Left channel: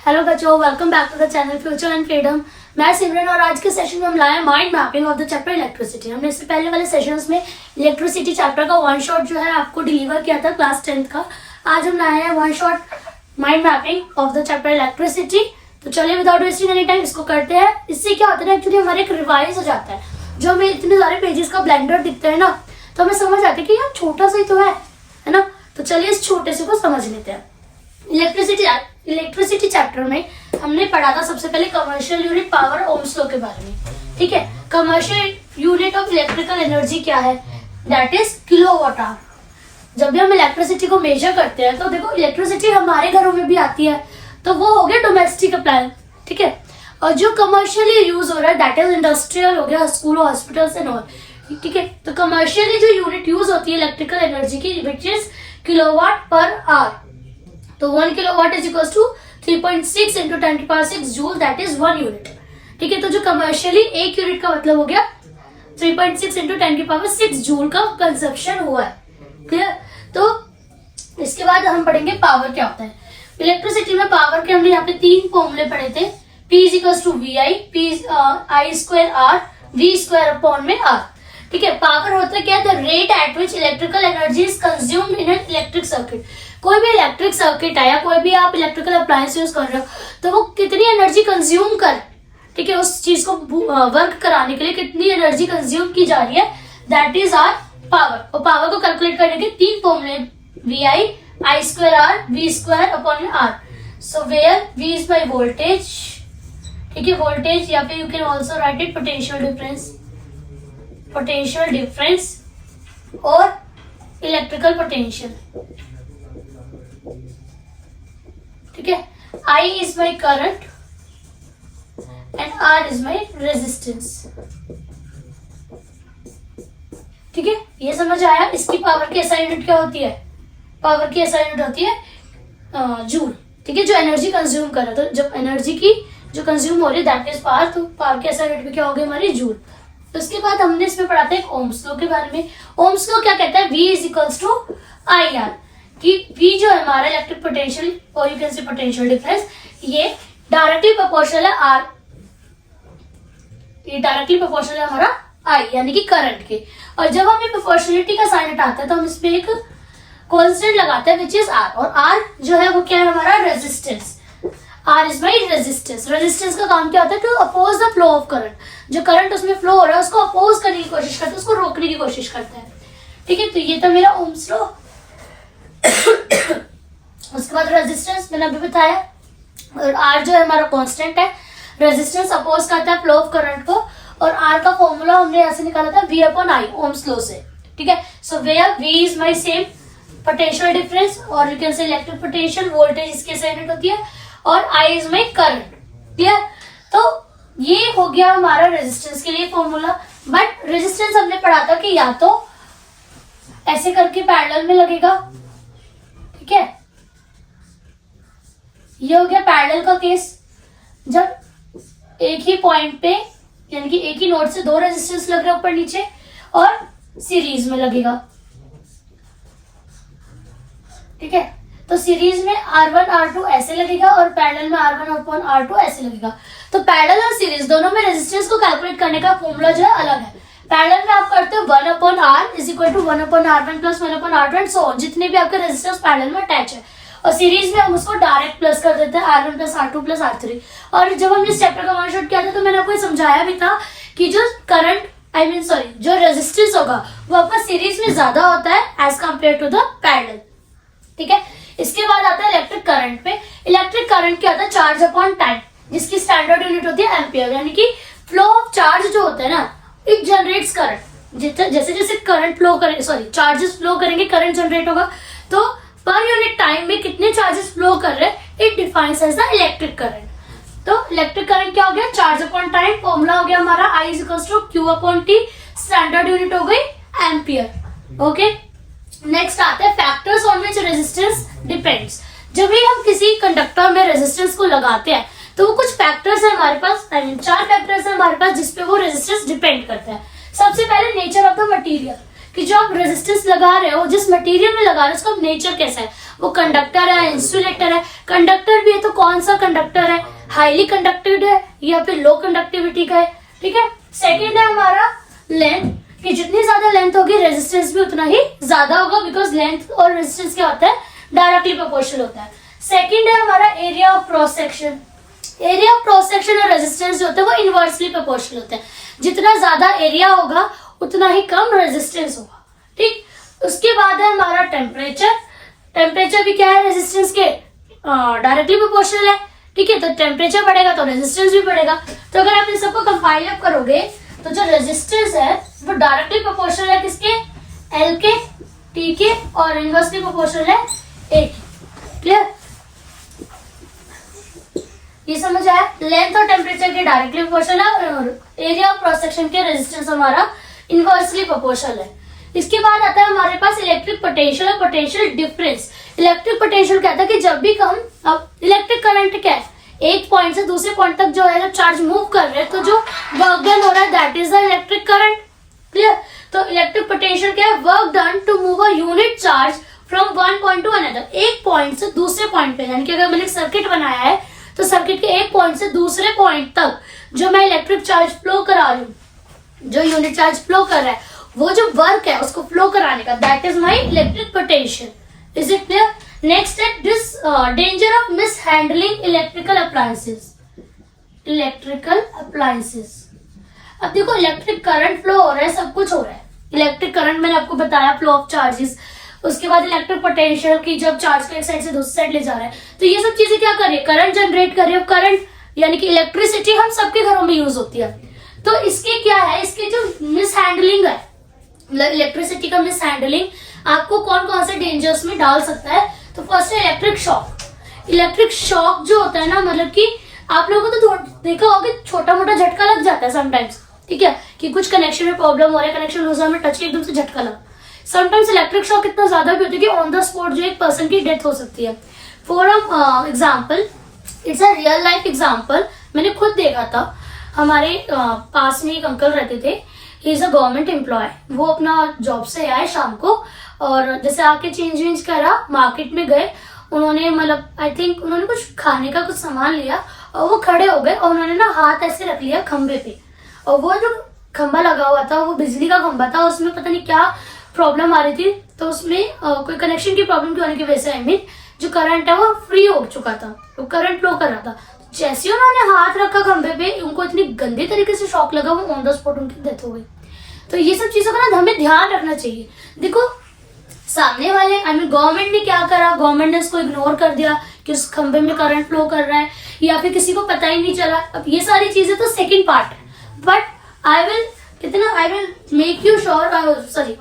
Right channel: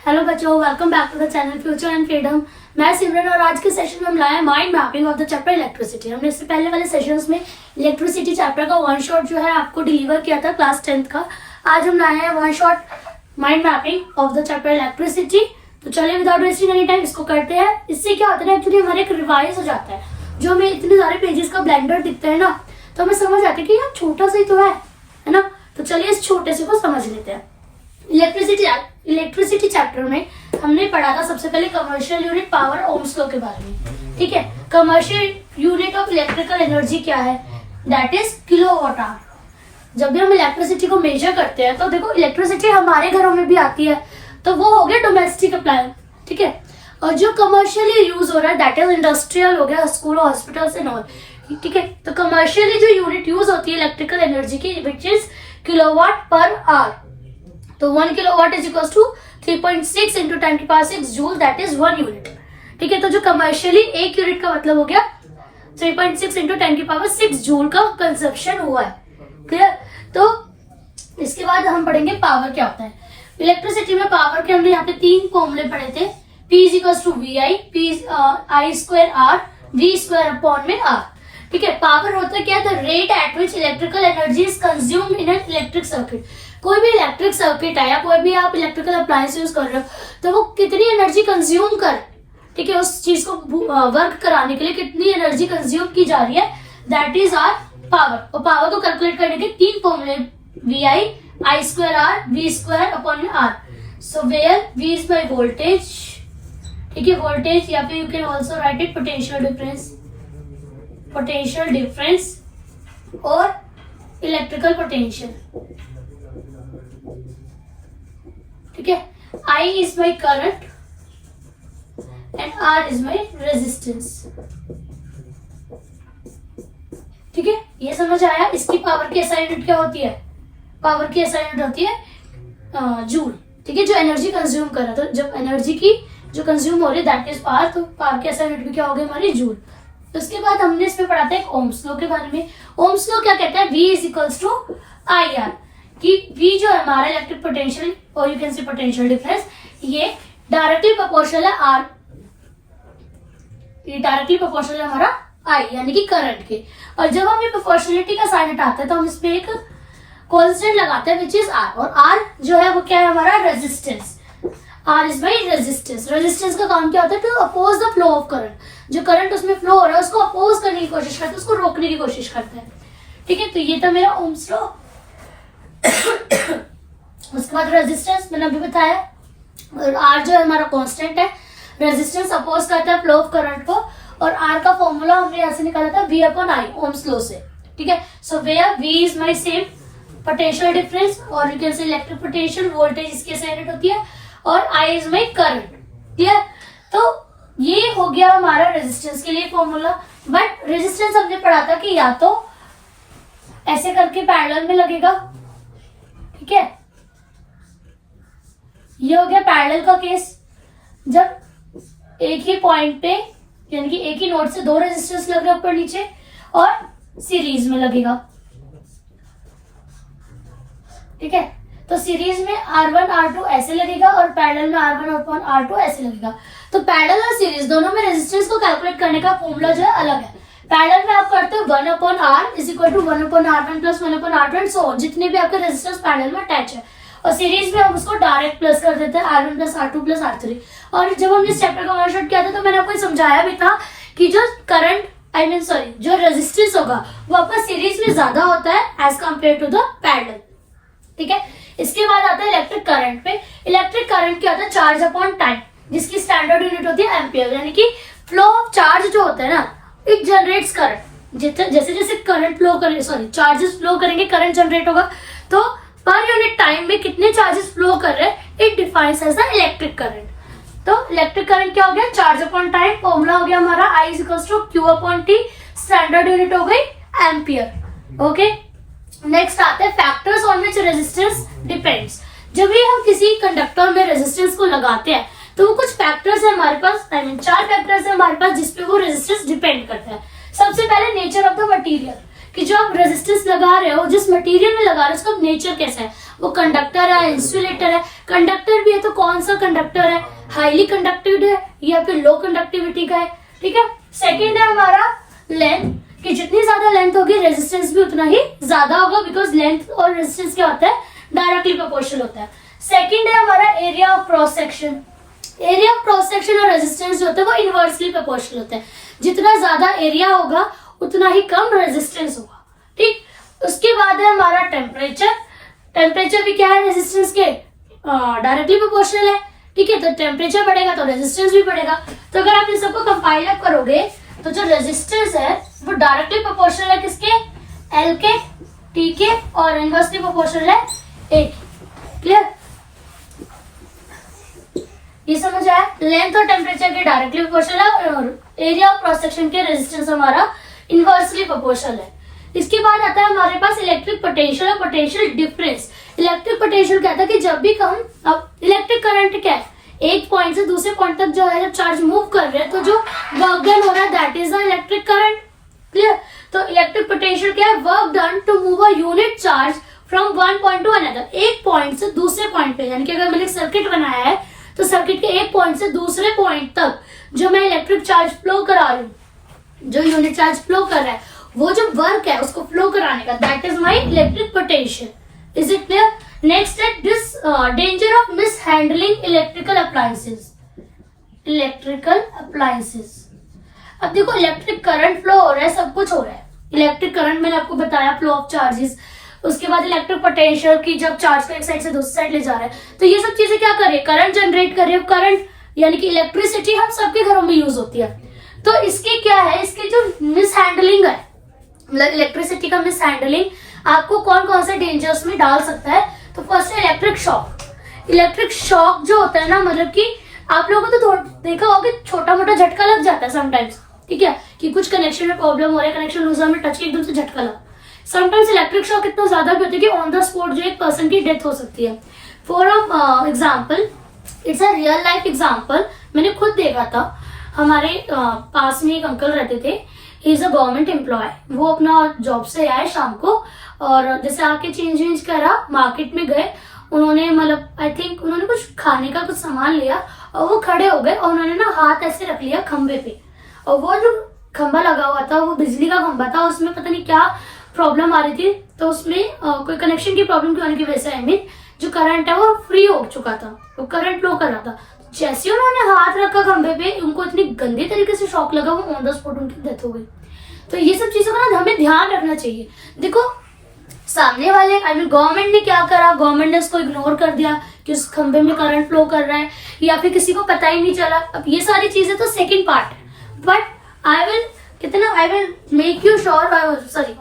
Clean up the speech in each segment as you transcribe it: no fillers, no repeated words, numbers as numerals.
Hello बच्चों, welcome back to the channel future and freedom. मैं सिमरन और आज के सेशन में हम लाए mind mapping of the chapter electricity. हमने इससे पहले वाले सेशंस में इलेक्ट्रिसिटी चैप्टर का वन शॉट जो है आपको डिलीवर किया था क्लास 10th का। आज हम लाए हैं one shot mind mapping of the chapter electricity. तो चलिए विदाउट वेस्टिंग एनी टाइम इसको करते हैं। इससे क्या होता है, एक्चुअली हमारे एक रिवाइज हो जाता है। जो हमें इतने सारे पेजेस का ब्लेंडर दिखता है ना, तो हमें समझ आता है कि यार छोटा सा ही तो है ना। तो चलिए इस छोटे से को समझ लेते हैं। इलेक्ट्रिसिटी चैप्टर में हमने पढ़ा था सबसे पहले commercial unit power Ohm's law के बारे में। ठीक है, commercial unit of electrical energy क्या है, दैट इज किलोवाट आवर। जब भी हम इलेक्ट्रिसिटी को मेजर करते हैं तो देखो इलेक्ट्रिसिटी हमारे घरों में भी आती है, तो वो हो गया डोमेस्टिक अप्लायंस। ठीक है, और जो कमर्शियली यूज हो रहा है दैट इज इंडस्ट्रियल हो गया, स्कूल हॉस्पिटल्स एंड ऑल। ठीक है, तो कमर्शियली जो यूनिट यूज होती है इलेक्ट्रिकल एनर्जी की which is kilowatt per hour. तो 1 kilowatt is equal to 3.6 into 10⁶ joule, that is 1 unit. ठीक है, तो जो कमर्शियली 1 यूनिट का मतलब हो गया 3.6 इंटू 10⁶ जूल का कंजप्शन हुआ है। क्लियर। तो इसके बाद हम पढ़ेंगे पावर क्या होता है। इलेक्ट्रिसिटी में पावर के हमने यहाँ पे 3 फॉर्मूले पढ़े थे। P is equal to VI, I square R, V square upon में R। ठीक है, पावर होता है क्या, the rate at which electrical energy is consumed in an electric circuit. कोई भी इलेक्ट्रिक सर्किट है या कोई भी आप इलेक्ट्रिकल अप्लायंस यूज कर रहे हो तो वो कितनी एनर्जी कंज्यूम कर, ठीक है, उस चीज को वर्क कराने के लिए कितनी एनर्जी कंज्यूम की जा रही है, दैट इज आर पावर। और पावर को कैलकुलेट करने के 3 फॉर्मूले, VI, I square R, V square upon में R। So where V is my voltage, ठीक है, वोल्टेज, या फिर you can also write it potential difference और इलेक्ट्रिकल पोटेंशियल। ठीक है, I is my current and R is my resistance. ठीक है, ये समझ आया। इसकी पावर की SI यूनिट क्या होती है, पावर की SI यूनिट होती है जूल। ठीक है, जो एनर्जी कंज्यूम कर रहा है, तो जब एनर्जी की जो कंज्यूम हो रही है दैट इज पावर, तो पावर की SI यूनिट भी क्या होगी हमारी जूल। तो इसके बाद हमने इसमें पढ़ा था एक ओम्स लॉ के बारे में। ओम्स लॉ क्या कहता है, V is equals to IR, कि V जो है हमारा इलेक्ट्रिक पोटेंशियल और you can say potential difference, ये डायरेक्टली प्रोपोर्शनल है R, ये डायरेक्टली प्रोपोर्शनल है हमारा I यानी कि करंट के। और जब हमें प्रोपोर्शनलिटी का साइन हटाता है तो हम इसमें एक कांस्टेंट लगाते हैं विच इज R, और R जो है वो क्या है हमारा resistance. R is my resistance. Resistance का काम क्या होता है, to oppose the flow of current. जो करंट उसमें फ्लो हो रहा है उसको अपोज करने की कोशिश करता है, उसको रोकने की कोशिश करता है। ठीक है, तो ये था मेरा ओम्स लॉ। उसके बाद रेजिस्टेंस मैंने अभी बताया, और R जो है हमारा कांस्टेंट है। रेजिस्टेंस अपोज करता है फ्लो ऑफ करंट को, और R का फॉर्मूला हमने ऐसे निकाला था V upon I Ohm's law से। ठीक है, so where V is my same potential difference और you can say electric potential, voltage इसकी SI यूनिट होती है, और I is my current. Clear. तो ये हो गया हमारा रेजिस्टेंस के लिए फॉर्मूला। बट रेजिस्टेंस हमने पढ़ा था कि या तो ऐसे करके पैरेलल में लगेगा, ठीक है, ये हो गया पैरेलल का केस, जब एक ही पॉइंट पे यानी कि एक ही नोड से 2 रेजिस्टेंस लग रहे ऊपर नीचे, और सीरीज में लगेगा। ठीक है, तो सीरीज में R1 R2 ऐसे लगेगा और पैरेलल में R1 अपॉन R2 ऐसे लगेगा। तो पैरेलल और सीरीज दोनों में रेजिस्टेंस को कैलकुलेट करने का फॉर्मूला जो है अलग है। पैरेलल में आप करते हो 1 upon R is equal to 1 upon R1 plus 1 upon R2 so जितने भी आपके रेजिस्टेंस पैरेलल में अटैच है, और सीरीज में हम उसको डायरेक्ट प्लस कर देते हैं R1 plus R2 plus R3। और जब हमने इस चैप्टर का वन शॉट किया था तो मैंने आपको समझाया भी था कि जो करंट जो रेजिस्टेंस होगा वो आपका सीरीज में ज्यादा होता है as compare to the parallel. ठीक है, इसके बाद आता है इलेक्ट्रिक करंट पे। इलेक्ट्रिक करंट क्या होता है, चार्ज अपॉन टाइम, जिसकी स्टैंडर्ड यूनिट होती है एम्पियर, यानी कि फ्लो ऑफ चार्ज जो होता है ना, इट जनरेट्स करंट। जैसे जैसे करंट फ्लो करेंगे, चार्जेस फ्लो करेंगे, करंट जनरेट होगा। तो पर यूनिट टाइम में कितने चार्जेस फ्लो कर रहे हैं, it defines as the electric current. तो इलेक्ट्रिक करंट क्या हो गया, चार्ज अपॉन टाइम, फॉर्मूला हो गया हमारा I is equal to Q upon T, standard unit हो गई एम्पियर। ओके, नेक्स्ट आते हैं factors on which resistance depends. जब भी हम किसी कंडक्टर में रेजिस्टेंस को लगाते हैं तो वो कुछ फैक्टर्स है हमारे पास, 4 फैक्टर्स है हमारे पास जिसपे वो रेजिस्टेंस डिपेंड करता है। सबसे पहले नेचर ऑफ द मटेरियल, कि जो आप रेजिस्टेंस लगा रहे हो, जिस मटेरियल में लगा रहे हो, उसका नेचर कैसा है, वो कंडक्टर है, इंसुलेटर है। कंडक्टर भी है तो कौन सा कंडक्टर है, हाईली कंडक्टिव है या फिर लो कंडक्टिविटी का है, ठीक है। सेकेंड है हमारा लेंथ, कि जितनी ज्यादा लेंथ होगी रेजिस्टेंस भी उतना ही ज्यादा होगा, बिकॉज लेंथ और रेजिस्टेंस क्या होता है, डायरेक्टली प्रोपोर्शनल होता है। सेकेंड है हमारा area of cross section. Area of cross section और रेजिस्टेंस जो होता है वो इनवर्सली प्रोपोर्शनल होता है। जितना ज्यादा एरिया होगा उतना ही कम रेजिस्टेंस होगा, ठीक। उसके बाद है हमारा टेम्परेचर। टेम्परेचर भी क्या है, रेजिस्टेंस के डायरेक्टली प्रोपोर्शनल है, ठीक है। तो टेम्परेचर बढ़ेगा तो रेजिस्टेंस भी बढ़ेगा। तो अगर आप इन सबको कंपाइल अप करोगे तो जो रेजिस्टेंस है वो डायरेक्टली प्रोपोर्शनल है किसके, एल के, टी के, और इनवर्सली प्रोपोर्शनल है ए के। क्लियर, ये समझ आया। लेंथ और टेम्परेचर की डायरेक्टली प्रोपोर्शनल है और एरिया ऑफ क्रॉस सेक्शन के रेजिस्टेंस हमारा इनवर्सली प्रोपोर्शनल है। इसके बाद आता है हमारे पास इलेक्ट्रिक पोटेंशियल और पोटेंशियल डिफरेंस। इलेक्ट्रिक पोटेंशियल कहता है कि जब भी हम, अब इलेक्ट्रिक करंट क्या है, एक पॉइंट से दूसरे पॉइंट तक जो है, जब चार्ज मूव कर रहे हैं तो जो वर्क डन हो रहा है that is the electric current. Clear, तो इलेक्ट्रिक पोटेंशियल क्या है, work done to move a unit charge from one point to another. एक पॉइंट से दूसरे पॉइंट पे, यानी कि अगर मैंने सर्किट बनाया है तो सर्किट के एक पॉइंट से दूसरे पॉइंट तक जो मैं इलेक्ट्रिक चार्ज फ्लो करा रही हूँ, जो यूनिट चार्ज फ्लो कर रहा है, वो जो वर्क है उसको फ्लो कराने का, that is my electric potential. Is it clear. Next है this danger of mishandling electrical appliances. Electrical appliances, अब देखो इलेक्ट्रिक करंट फ्लो हो रहा है, सब कुछ हो रहा है। इलेक्ट्रिक करंट मैंने आपको बताया, फ्लो ऑफ चार्जेस। उसके बाद इलेक्ट्रिक पोटेंशियल की जब चार्ज को एक साइड से दूसरी साइड ले जा रहा है, तो ये सब चीजें क्या कर रही है, करंट जनरेट कर रही है। करंट यानी कि इलेक्ट्रिसिटी हम सबके घरों में यूज होती है। तो इसके क्या है, इसके जो मिस हैंडलिंग है, मतलब इलेक्ट्रिसिटी का मिस हैंडलिंग आपको कौन कौन से डेंजर्स में डाल सकता है। तो फर्स्ट है इलेक्ट्रिक शॉक। इलेक्ट्रिक शॉक जो होता है ना, मतलब कि आप लोगों को तो देखा होगा कि छोटा मोटा झटका लग जाता है समटाइम्स, ठीक है, कि कुछ कनेक्शन में प्रॉब्लम हो रहा है, कनेक्शन लूज में टच के एकदम से झटका लगा। समटाइम्स इलेक्ट्रिक शॉक इतना ज्यादा भी होता है कि ऑन द स्पॉट जो एक पर्सन की डेथ हो सकती है। For example, it's a real life example, मैंने खुद देखा था। हमारे पास में एक अंकल रहते थे, he is a government employ. वो अपना जॉब से आए शाम को, और जैसे आके चेंज वेंज करा, मार्केट में गए, उन्होंने मतलब आई थिंक उन्होंने कुछ खाने का कुछ सामान लिया और वो खड़े हो गए और उन्होंने ना हाथ ऐसे रख लिया खंबे पे, और वो जो खंबा लगा हुआ था वो बिजली का खंबा था, उसमें पता नहीं क्या प्रॉब्लम आ रही थी। तो उसमें कोई कनेक्शन की प्रॉब्लम की होने की वजह से आई मीन जो करंट है वो फ्री हो चुका था, वो करंट फ्लो कर रहा था। जैसे उन्होंने हाथ रखा खंबे पे, उनको इतनी गंदी तरीके से शॉक लगा, वो ऑन द स्पॉट उनकी डेथ हो गई। तो ये सब चीजों का ना हमें ध्यान रखना चाहिए। देखो सामने वाले आई मीन गवर्नमेंट ने क्या करा, गवर्नमेंट ने उसको इग्नोर कर दिया कि उस खंबे में करंट फ्लो कर रहा है, या फिर किसी को पता ही नहीं चला। अब ये सारी चीजें तो सेकंड पार्ट है, but I will make you sure, sorry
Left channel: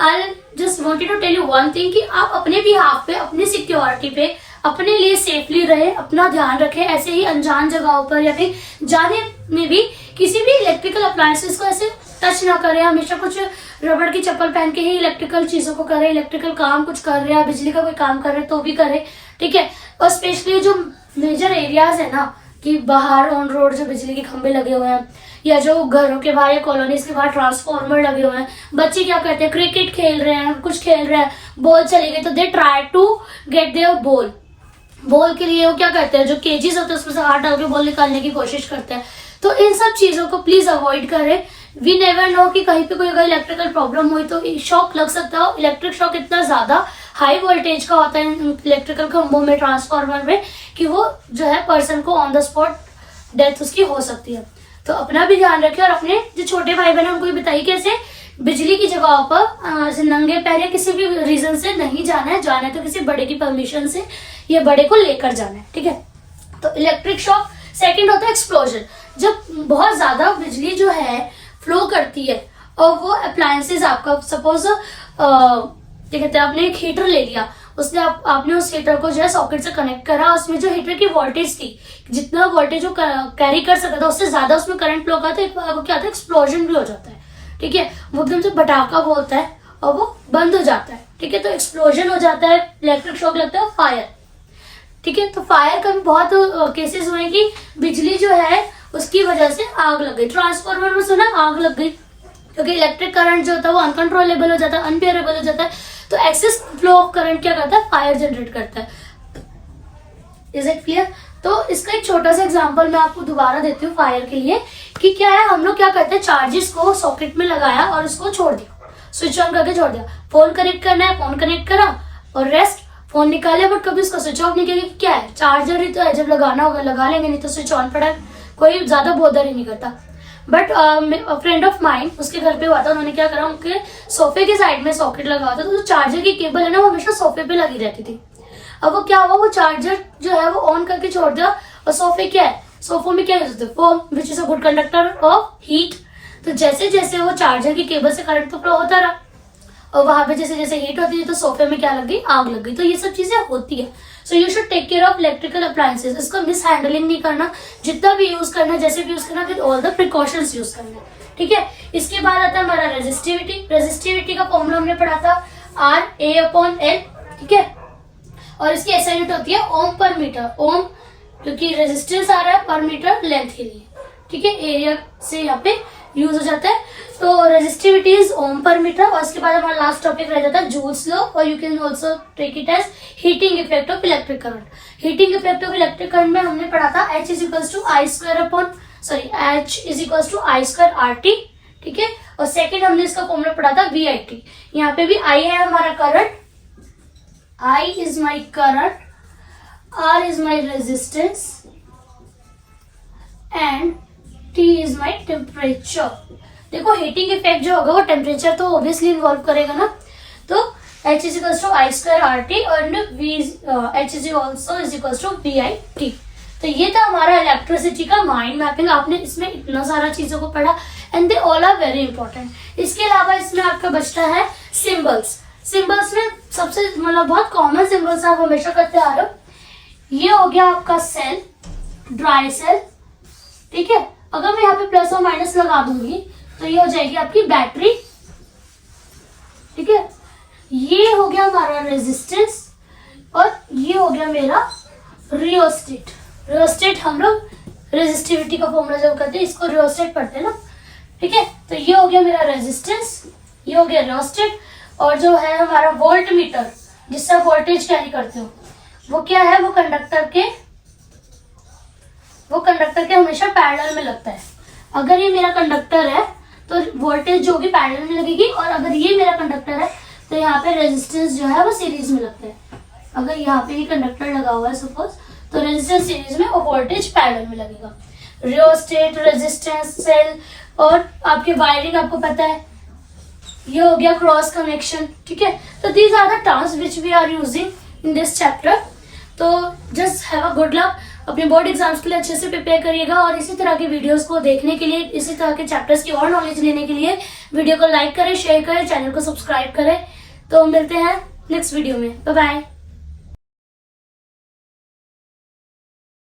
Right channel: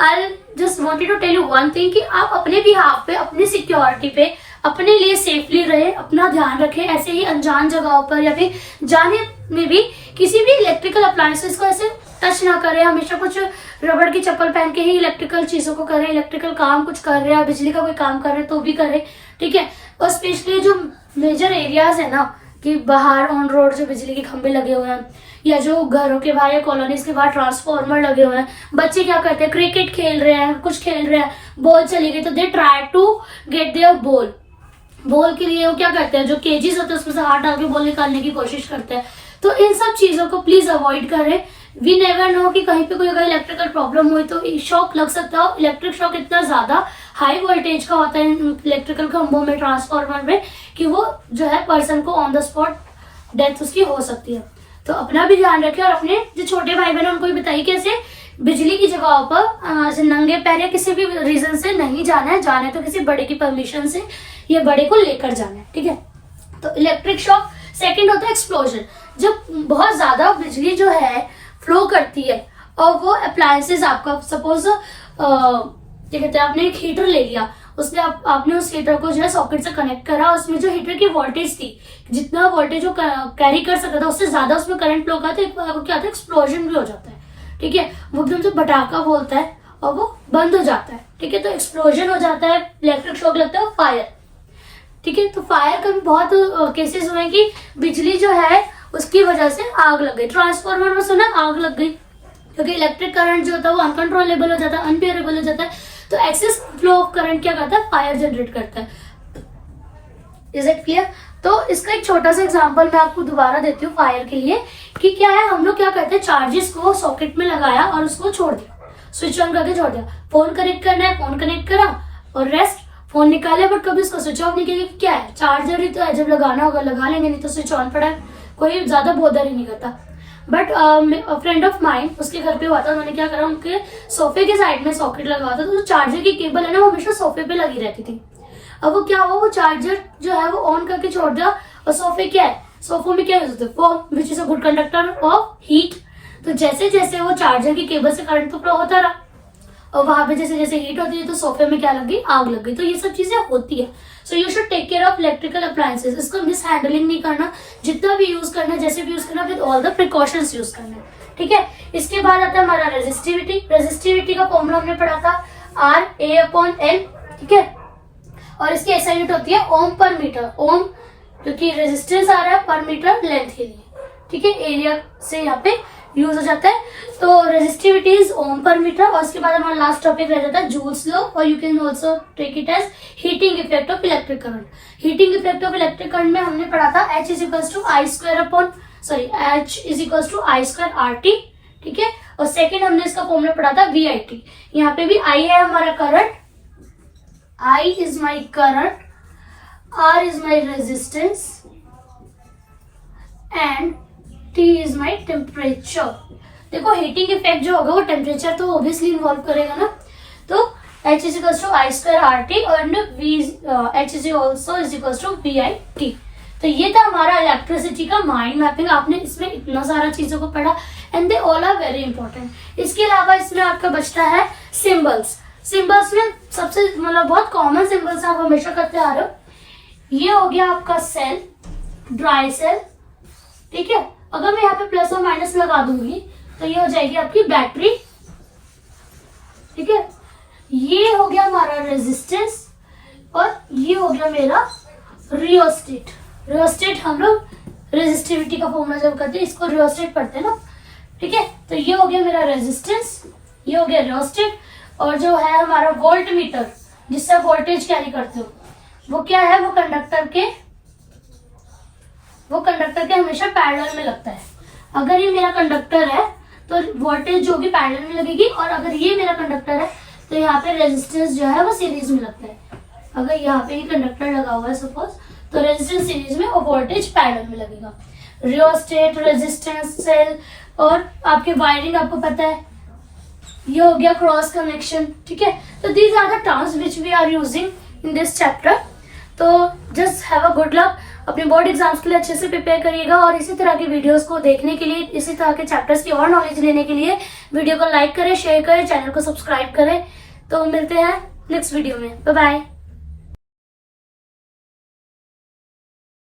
I just wanted to tell you one thing, कि आप अपने भी हाथ पे, अपनी सिक्योरिटी पे, अपने लिए सेफली रहे, अपना ध्यान रखें। ऐसे ही अनजान जगहों पर या फिर जाने में भी किसी भी इलेक्ट्रिकल अप्लायंसेस को ऐसे टच ना करें। हमेशा कुछ रबड़ की चप्पल पहन के ही इलेक्ट्रिकल चीजों को करें। इलेक्ट्रिकल काम कुछ कर रहे हैं, बिजली का कोई काम कर रहे हैं तो भी करें, ठीक है। और स्पेशली जो मेजर एरियाज है ना, कि बाहर ऑन रोड जो बिजली के खंभे लगे हुए हैं, या जो घरों के बाहर या कॉलोनीज के बाहर ट्रांसफॉर्मर लगे हुए हैं, बच्चे क्या करते हैं, क्रिकेट खेल रहे हैं, कुछ खेल रहे हैं, बॉल चली गई तो they try to get their ball के लिए वो क्या करते हैं, जो केजीज होते हैं उसमें से हाथ डाल के बॉल निकालने की कोशिश करते हैं। तो इन सब चीजों को प्लीज अवॉइड करें। वी नेवर नो कि कहीं पे कोई अगर इलेक्ट्रिकल प्रॉब्लम हुई तो शॉक लग सकता है। इलेक्ट्रिक शॉक इतना ज्यादा हाई वोल्टेज का होता है इलेक्ट्रिकल खंभों में, ट्रांसफॉर्मर में, कि वो जो है पर्सन को ऑन द स्पॉट डेथ उसकी हो सकती है। तो अपना भी ध्यान रखें और अपने जो छोटे भाई बहन उनको भी बताइए कि ऐसे बिजली की जगहों पर नंगे पैर या किसी भी रीजन से नहीं जाना है। जाना है तो किसी बड़े की परमिशन से या बड़े को लेकर जाना है, ठीक है। तो इलेक्ट्रिक शॉक। सेकंड होता है एक्सप्लोजन। जब बहुत ज्यादा बिजली जो है फ्लो करती है और वो अप्लायंसेस आपका सपोज क्या कहते हैं, आपने एक हीटर ले लिया, उसने आपने उस हीटर को जो है सॉकेट से कनेक्ट करा, उसमें जो हीटर की वोल्टेज थी, जितना वोल्टेज वो कैरी कर सकता था उससे ज्यादा उसमें करंट फ्लो का, तो क्या होता है, एक्सप्लोजन भी हो जाता है, ठीक है। वो एकदम से पटाखा बोलता है और वो बंद हो जाता है, ठीक है। तो एक्सप्लोजन हो जाता है, इलेक्ट्रिक शॉक लगता है, फायर, ठीक है। तो फायर का भी बहुत केसेस हुए कि बिजली जो है उसकी वजह से आग लग गई। ट्रांसफार्मर में सुना आग लग गई, क्योंकि इलेक्ट्रिक करंट जो होता है वो अनकंट्रोलेबल हो जाता है, अनबियरेबल हो जाता है। तो एक्सेस फ्लो ऑफ करंट क्या करता है, फायर जनरेट करता है। Is it clear? तो इसका एक छोटा सा एग्जांपल मैं आपको दोबारा देती हूँ फायर के लिए, कि क्या है, हम लोग क्या करते हैं, चार्जेस को सॉकेट में लगाया और उसको छोड़ दिया, स्विच ऑन करके छोड़ दिया। फोन कनेक्ट करना है, फोन कनेक्ट करा और रेस्ट, फोन निकाले बट कभी उसको स्विच ऑफ नहीं किया। क्या है, चार्जर ही तो है, जब लगाना होगा लगा लेंगे, नहीं तो स्विच ऑन पड़ा है, कोई ज्यादा बोदर ही नहीं करता। बट फ्रेंड ऑफ माइंड, उसके घर पे हुआ था, उन्होंने क्या करा, उनके सोफे के साइड में सॉकेट लगा था, तो चार्जर की केबल है ना वो हमेशा सोफे पे लगी रहती थी। अब वो क्या हुआ, वो चार्जर जो है वो ऑन करके छोड़ दिया, और सोफे क्या है, सोफों में क्या यूज होता है, foam, which is a good conductor of heat. तो जैसे जैसे वो चार्जर की केबल से करंट तो फ्लो होता रहा, और वहां पे जैसे जैसे हीट होती है तो सोफे में क्या लग गई, आग लग गई। तो ये सब चीजें होती है। So you should take care of electrical appliances. इसको मिस हैंडलिंग नहीं करना, जितना भी यूज करना, जैसे भी यूज करना, with all the precautions use करना, ठीक है। इसके बाद आता है हमारा रेजिस्टिविटी। रेजिस्टिविटी का फॉर्मूला हमने पढ़ा था RA/L, ठीक है। और इसकी ऐसा यूनिट होती है ओम पर मीटर। ओम क्योंकि रेजिस्टेंस आ रहा है, पर मीटर लेंथ के लिए, ठीक है, एरिया से यहाँ पे यूज हो जाता है। तो रेजिस्टिविटी इज ओम पर मीटर। और उसके बाद हमारा लास्ट टॉपिक रह जाता है जूल्स लॉ, और you can also take it as heating effect of electric current. Heating effect of electric current में हमने पढ़ा था H इज equals to I square RT, ठीक है। और सेकेंड हमने इसका फॉर्मूला पढ़ा था VIT। यहाँ पे भी I है हमारा current, I is my current, R is my resistance and T is my temperature। देखो हीटिंग इफेक्ट जो होगा वो टेम्परेचर तो ऑब्वियसली इन्वॉल्व करेगा ना। तो H is equals to I square RT और H is also is equals to VIT। तो ये था हमारा इलेक्ट्रिसिटी का माइंड मैपिंग। आपने इसमें इतना सारा चीजों को पढ़ा and they all are very important. इसके अलावा इसमें आपका बचता है सिंबल्स। सिंबल्स में सबसे मतलब बहुत कॉमन सिंबल्स आप हमेशा करते आ रहे हो। ये हो गया आपका सेल, ड्राई सेल, ठीक है। अगर मैं यहाँ पे प्लस और माइनस लगा दूंगी तो ये हो जाएगी आपकी बैटरी, ठीक है। ये हो गया हमारा रेजिस्टेंस और ये हो गया मेरा रियोस्टेट। रियोस्टेट हम लोग रेजिस्टिविटी का फॉर्मूला जब करते हैं इसको रियोस्टेट पढ़ते हैं ना, ठीक है। तो ये हो गया मेरा रेजिस्टेंस, ये हो गया रियोस्टेट। और जो है हमारा वोल्ट मीटर जिससे वोल्टेज कैरी करते हो, वो क्या है, वो कंडक्टर के हमेशा पैरेलल में लगता है। अगर ये मेरा कंडक्टर है तो वोल्टेज जो होगी पैरेलल में लगेगी, और अगर ये मेरा कंडक्टर है तो यहाँ पे रेजिस्टेंस जो है वो सीरीज में लगता है। अगर यहाँ पे ये कंडक्टर लगा हुआ है सपोज, तो रेजिस्टेंस सीरीज में और वोल्टेज पैरेलल में लगेगा। रियोस्टेट, रेजिस्टेंस, सेल, और आपके वायरिंग आपको पता है, ये हो गया क्रॉस कनेक्शन, ठीक है। तो these are the terms which we are using in this chapter. तो just have a good luck. अपने बोर्ड एग्जाम्स के लिए अच्छे से प्रिपेयर करिएगा, और इसी तरह के वीडियोस को देखने के लिए, इसी तरह के चैप्टर्स की और नॉलेज लेने के लिए वीडियो को लाइक करें, शेयर करें, चैनल को सब्सक्राइब करें। तो मिलते हैं नेक्स्ट वीडियो में। Bye bye.